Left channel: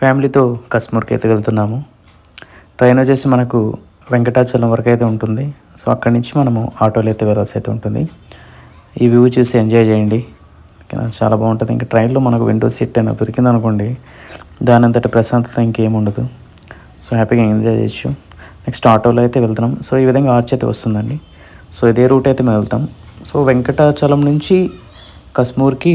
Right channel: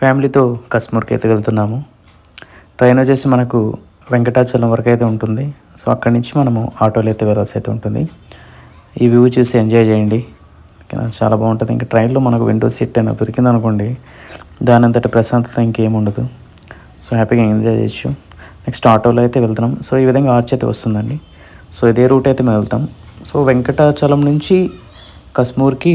ఫ్యామిలీతో కశ్మూర్కి అయితే వెళ్తున్నాము. ట్రైన్ వచ్చేసి మనకు వెంకటాచలం వరకు అయితే ఉంటుంది. సో అక్కడి నుంచి మనము ఆటోలో అయితే వెళ్ళాల్సి అయితే ఉంటుంది. ఈ వ్యూ చూసి ఎంజాయ్ చేయండి, చాలా బాగుంటుంది. ఇంకా ట్రైన్లో మనకు విండో సీట్ అయినా దొరికింది అనుకోండి, దాని అంతటి ప్రశాంతత ఇంకేం ఉండదు. సో హ్యాపీగా ఎంజాయ్ చేయొచ్చు. నెక్స్ట్ ఆటోలో అయితే వెళ్తున్నాం. సో ఈ విధంగా ఆర్చ్ అయితే వస్తుందండి. సో ఇదే రూట్ అయితే మేము వెళ్తాం. సో వెంకటాచలం నుంచి కశ్మూర్కి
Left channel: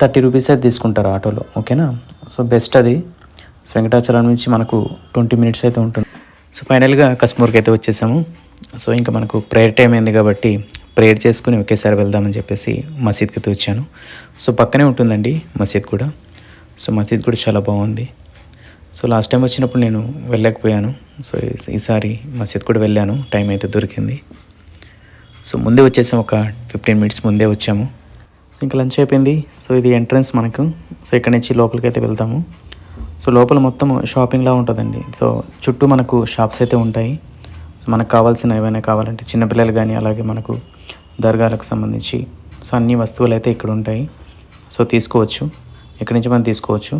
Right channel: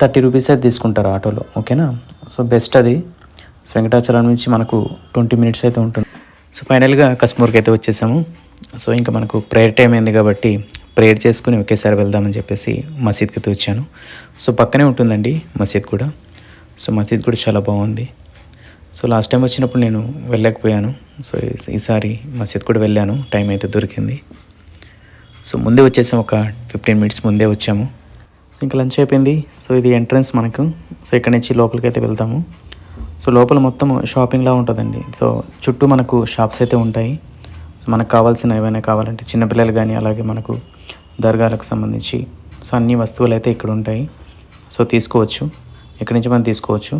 30 రూపీస్ అయితే తీసుకుంటారు ఆటోలో, ఓకేనా. సో బెస్ట్ అది. సో వెంకటాచలం నుంచి మనకు 20 మినిట్స్ అయితే ఉంటుంది. సో ఫైనల్గా కశ్మూర్కి అయితే వచ్చేసాము. సో ఇంకా మనకు ప్రేయర్ టైం అయింది కాబట్టి ప్రేయర్ చేసుకుని ఒకేసారి వెళ్దామని చెప్పేసి మసీద్కి అయితే వచ్చాను. సో పక్కనే ఉంటుందండి మసీద్ కూడా. సో మసీద్ కూడా చాలా బాగుంది. సో లాస్ట్ టైం వచ్చినప్పుడు నేను వెళ్ళలేకపోయాను. సో ఈసారి మసీద్ కూడా వెళ్ళాను, టైం అయితే దొరికింది. సో ముందే వచ్చేసాము, ఒక 15 మినిట్స్ ముందే వచ్చాము. ఇంకా లంచ్ అయిపోయింది. సో ఇది ఎంట్రన్స్ మనకు. సో ఇక్కడ నుంచి లోపలికి అయితే వెళ్తాము. సో లోపల మొత్తం షాపింగ్లా ఉంటుందండి. సో చుట్టూ మనకు షాప్స్ అయితే ఉంటాయి. సో మనకు కావాల్సిన ఏమైనా కావాలంటే చిన్నపిల్లలు కానీ, అలాగే మనకు దర్గాలకు సంబంధించి సో అన్ని వస్తువులు అయితే ఇక్కడ ఉంటాయి. సో తీసుకోవచ్చు, ఇక్కడి నుంచి మనం తీసుకోవచ్చు.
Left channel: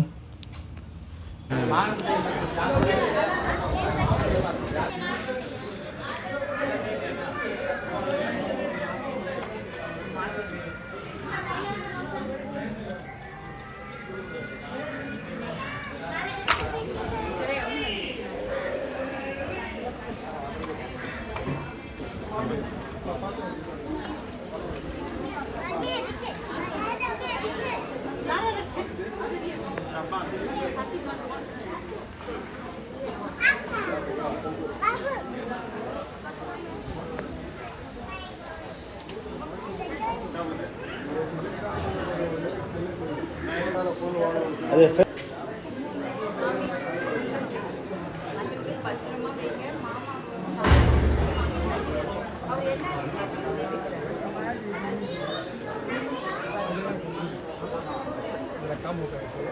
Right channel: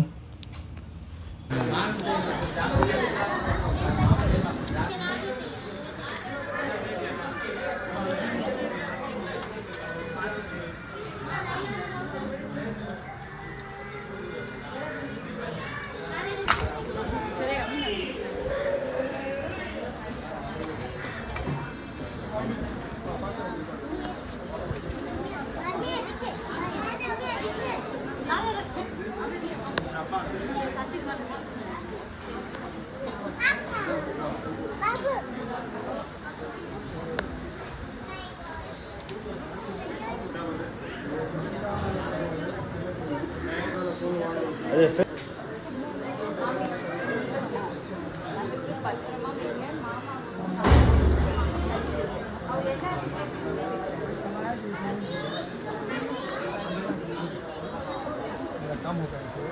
कम हो गए थे।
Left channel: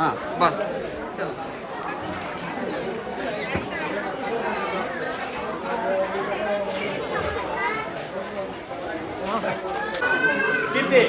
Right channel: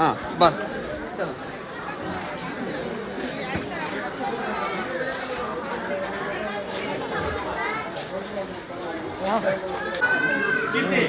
हाँ बस चल कितने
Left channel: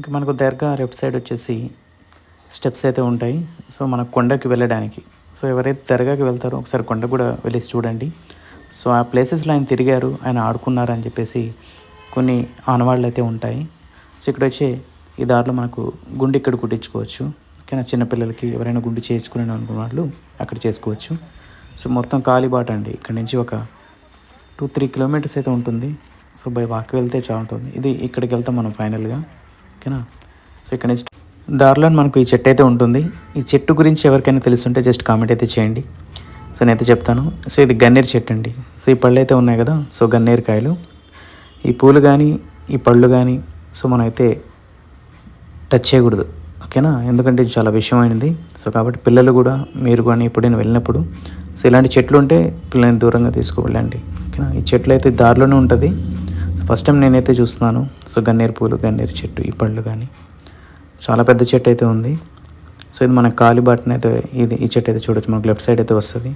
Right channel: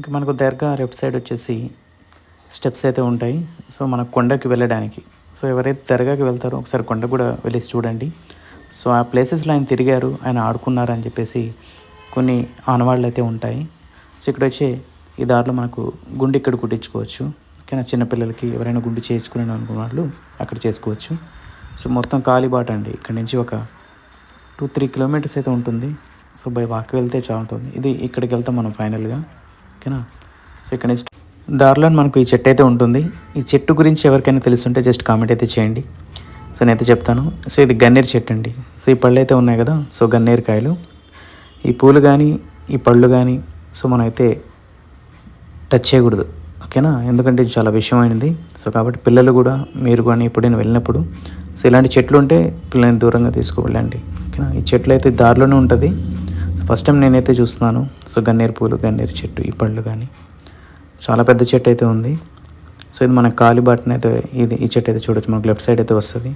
ఇంకా మనకు దర్గా లెఫ్ట్ సైడ్ వచ్చేసి స్టెప్స్ అయితే ఉంటాయి. సో మన కొండకి వెళ్ళడానికి. సో ఎవరైతే దర్గాకి వెళ్తారో ఒకసారి కొండ కూడా వెళ్ళి చూడండి. సో ఆ ప్లేసెస్లో ఆయన తిరిగారు, ఆయన ఆడుకున్నారు అని చెప్పేసి కొన్ని ఆనవాళ్ళు అయితే ఉంటాయి. సో ఇక్కడ వచ్చే ఈ దారిలో మనకు గుండు ఇక్కడ కుట్టించుకోవచ్చు. ఓకేనా, చిన్నపిల్లలకి ఎవరైనా గుండు చేసుకునే అనుకున్న వాళ్ళు అక్కడ చేసుకోవచ్చు. సో మొత్తం కాలిబాట అండి. ఇక్కడ నుంచి ఒక 2-3 కిలోమీటర్స్ అయితే ఉంటుంది. సో బై వాక్ వెళ్తే చాలా ఉంటుంది. ఇది ఇక్కడికి వెళ్తాం మనం ఫైనల్గా, ఓకేనా. సో ఇక్కడ నుంచి దారిలో మనకు ఈ చెట్టు అయితే ఉంటుంది. ఈ చెట్టు గురించి ఎవరికైనా తెలుసుంటే జస్ట్ కామెంట్ అయితే చేయండి. సో నేనైతే చెప్తాను. సో ఇది గన్నేరు చెట్టు అండి. సో ఈ పళ్ళు అయితే ఉన్నాయి కదా, సో గన్నేరు కాయలు. ఈ పూలు కానీ ఈ పళ్ళు కానీ సో మనం అయితే టచ్ చేయకూడదు, ఓకేనా, ఎందుకంటే ఇది చాలా విషయమైనది. సో కాబట్టి పిల్లలు కూడా, మీరు కానీ ఎప్పుడైనా వెళ్ళినప్పుడు సో ఇలాంటి చెట్లు ఉంటే పిల్లల్ని దూరంగా తీసుకువెళ్ళండి, ఓకేనా. ఈ చెట్లు అయితే దారిలోనే ఉంటుంది. సో ఫస్ట్ టైం నేనైతే చూస్తున్నాను. సో గన్నేరు పూలు, గన్నేరు చెట్టు, ఈ పళ్ళు కానీ చాలా పెద్ద చెట్టు అయితే ఉంది. సో ఇది మన కాలిబాటన అయితే ఈ చెట్టు అయితే చూడొచ్చు, మనకు లెఫ్ట్ సైడ్ అయితే వస్తుంది.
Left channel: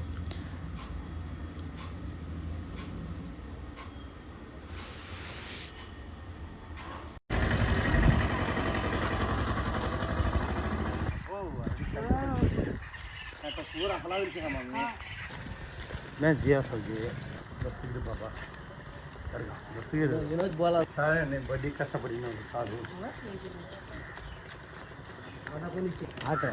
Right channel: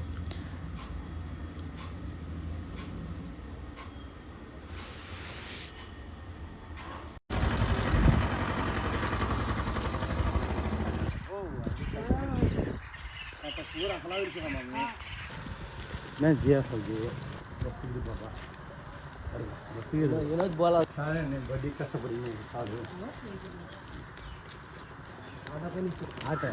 मैं जिया सके दस्तगिरी बाबा दस्तगिरी ये बोला सारे ने बड़ी कैसा बड़ी ने साधु आटा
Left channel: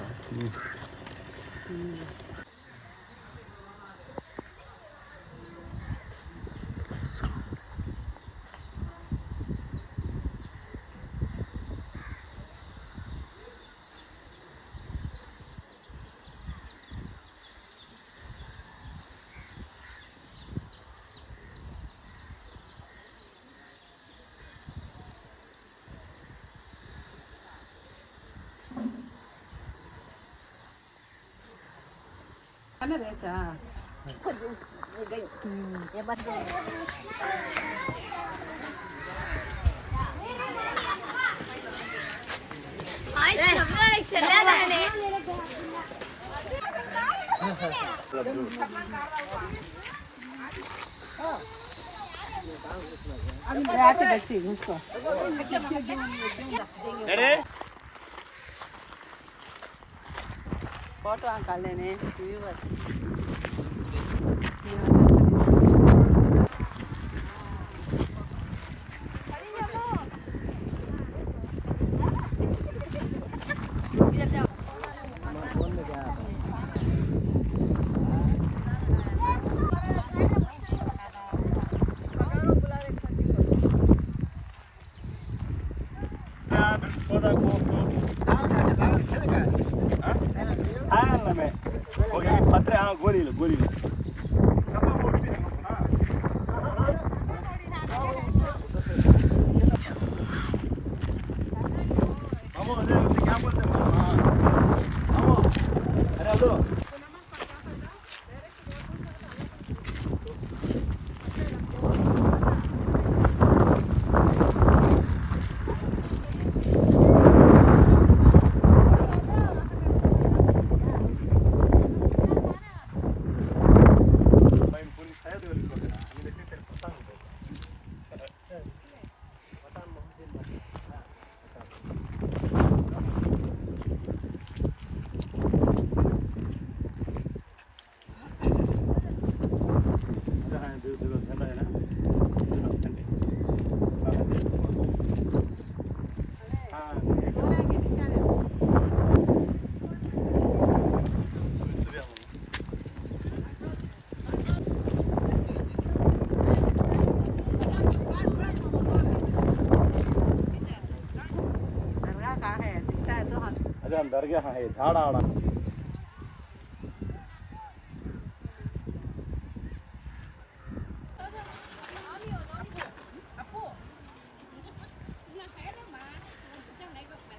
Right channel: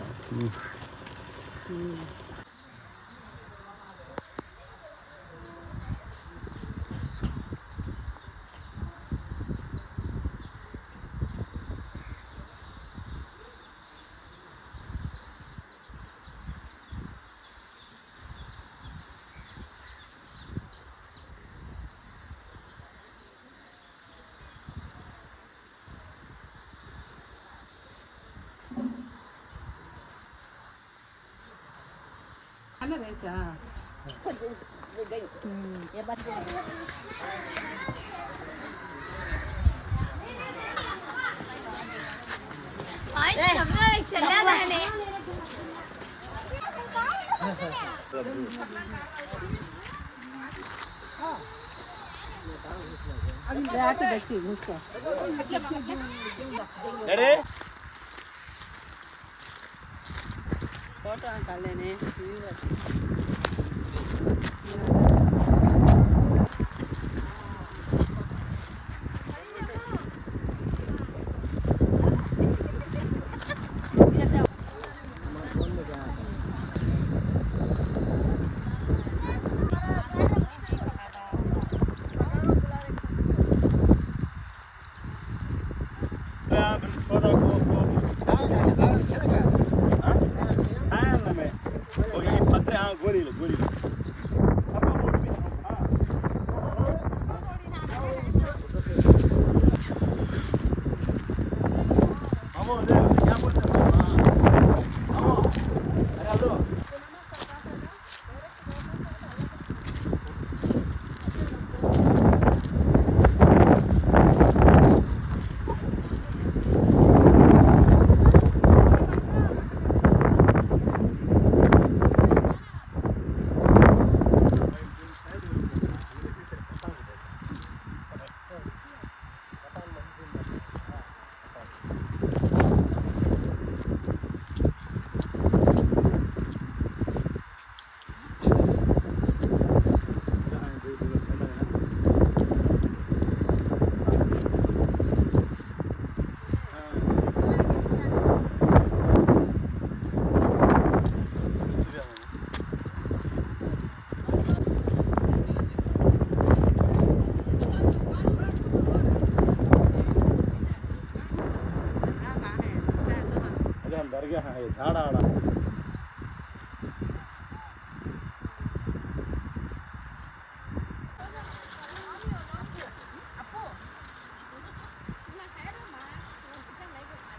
अंदर गया है झाड़ आड़ा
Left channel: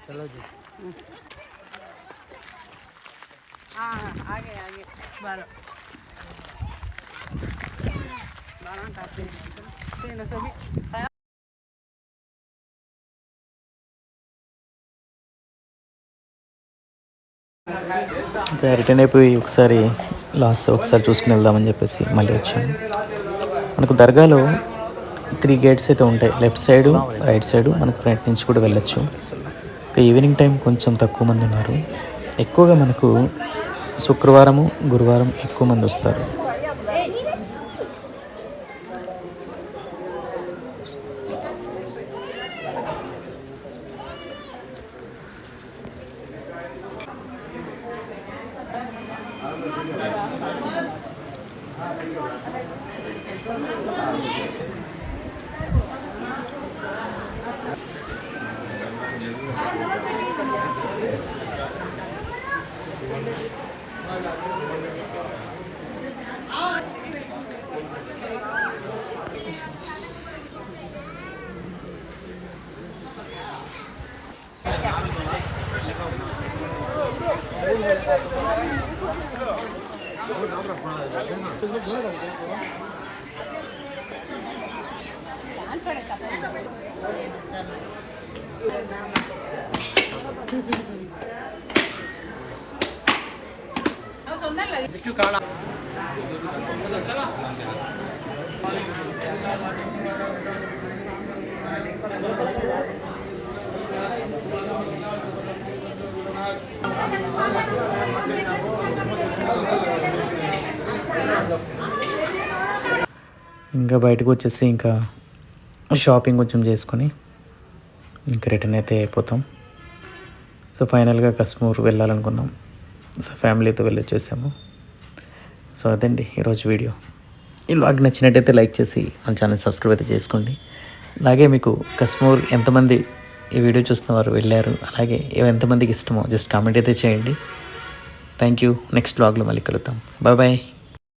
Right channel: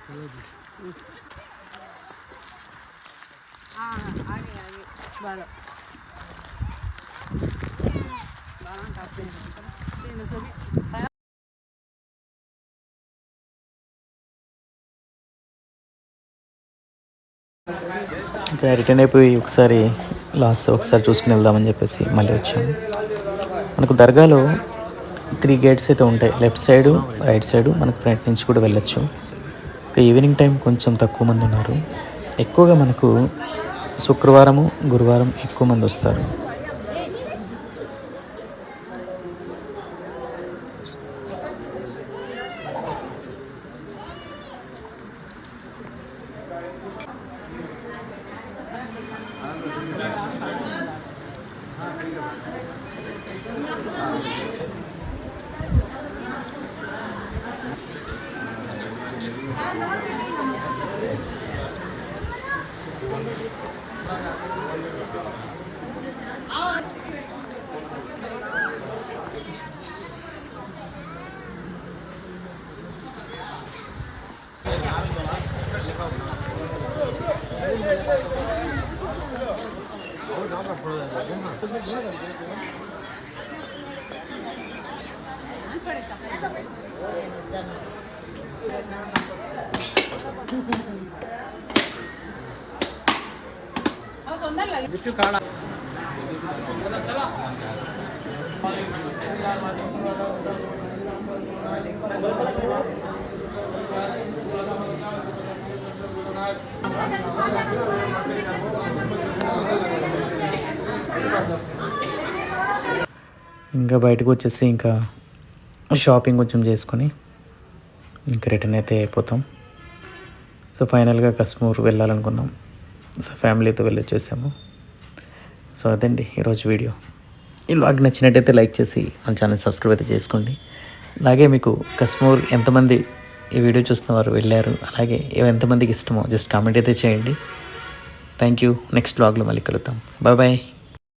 चलो जी आगे आगे 12 12 सभी ఇంకా రిటర్న్ అయిపోయి ఒకసారి చూసుకుని వెళ్దామని చెప్పేసి మళ్ళీ వచ్చాము. మనకు దర్గాలో 3 గేట్స్ అయితే ఉంటాయి. లెఫ్ట్ సైడు, రైట్ సైడు, మనకు ఫ్రంట్ నుంచి కూడా వెళ్ళొచ్చు. ఇంకా ఈవినింగ్ టైం కొంచెం తక్కువ మంది ఉన్నారు. ఎక్కువగా మనకు శుక్రవారము, గురువారం ఎక్కువ మంది వస్తారు. ఇంకా బయటకు వచ్చేసి ఇంకా షాపింగ్ కొంచెం చేసుకొని ఇంకా రిటర్న్ అయితే అయిపోతాం. సో ఫైనల్గా కశ్మూర్ వెళ్ళాలనుకున్నాం. సో ఫ్యామిలీతో వెళ్ళొచ్చేసాము. సో అదండి ఈరోజు వీడియో. ఈ వ్లాగ్ నచ్చినట్టయితే లైక్ చేసి మన ఛానల్ సబ్స్క్రైబ్ అయితే చేసుకోండి. అలాగే మీకు కశ్మూర్ ఎంతమంది ఈ వీడియో చూస్తున్న వారు వెళ్ళారు, అలాగే ఎంతమందికి ఇష్టమో జస్ట్ కామెంట్ అయితే చేయండి. Thank you. నెక్స్ట్ వ్లాగ్లో మళ్ళీ కలుద్దాం. Bye bye.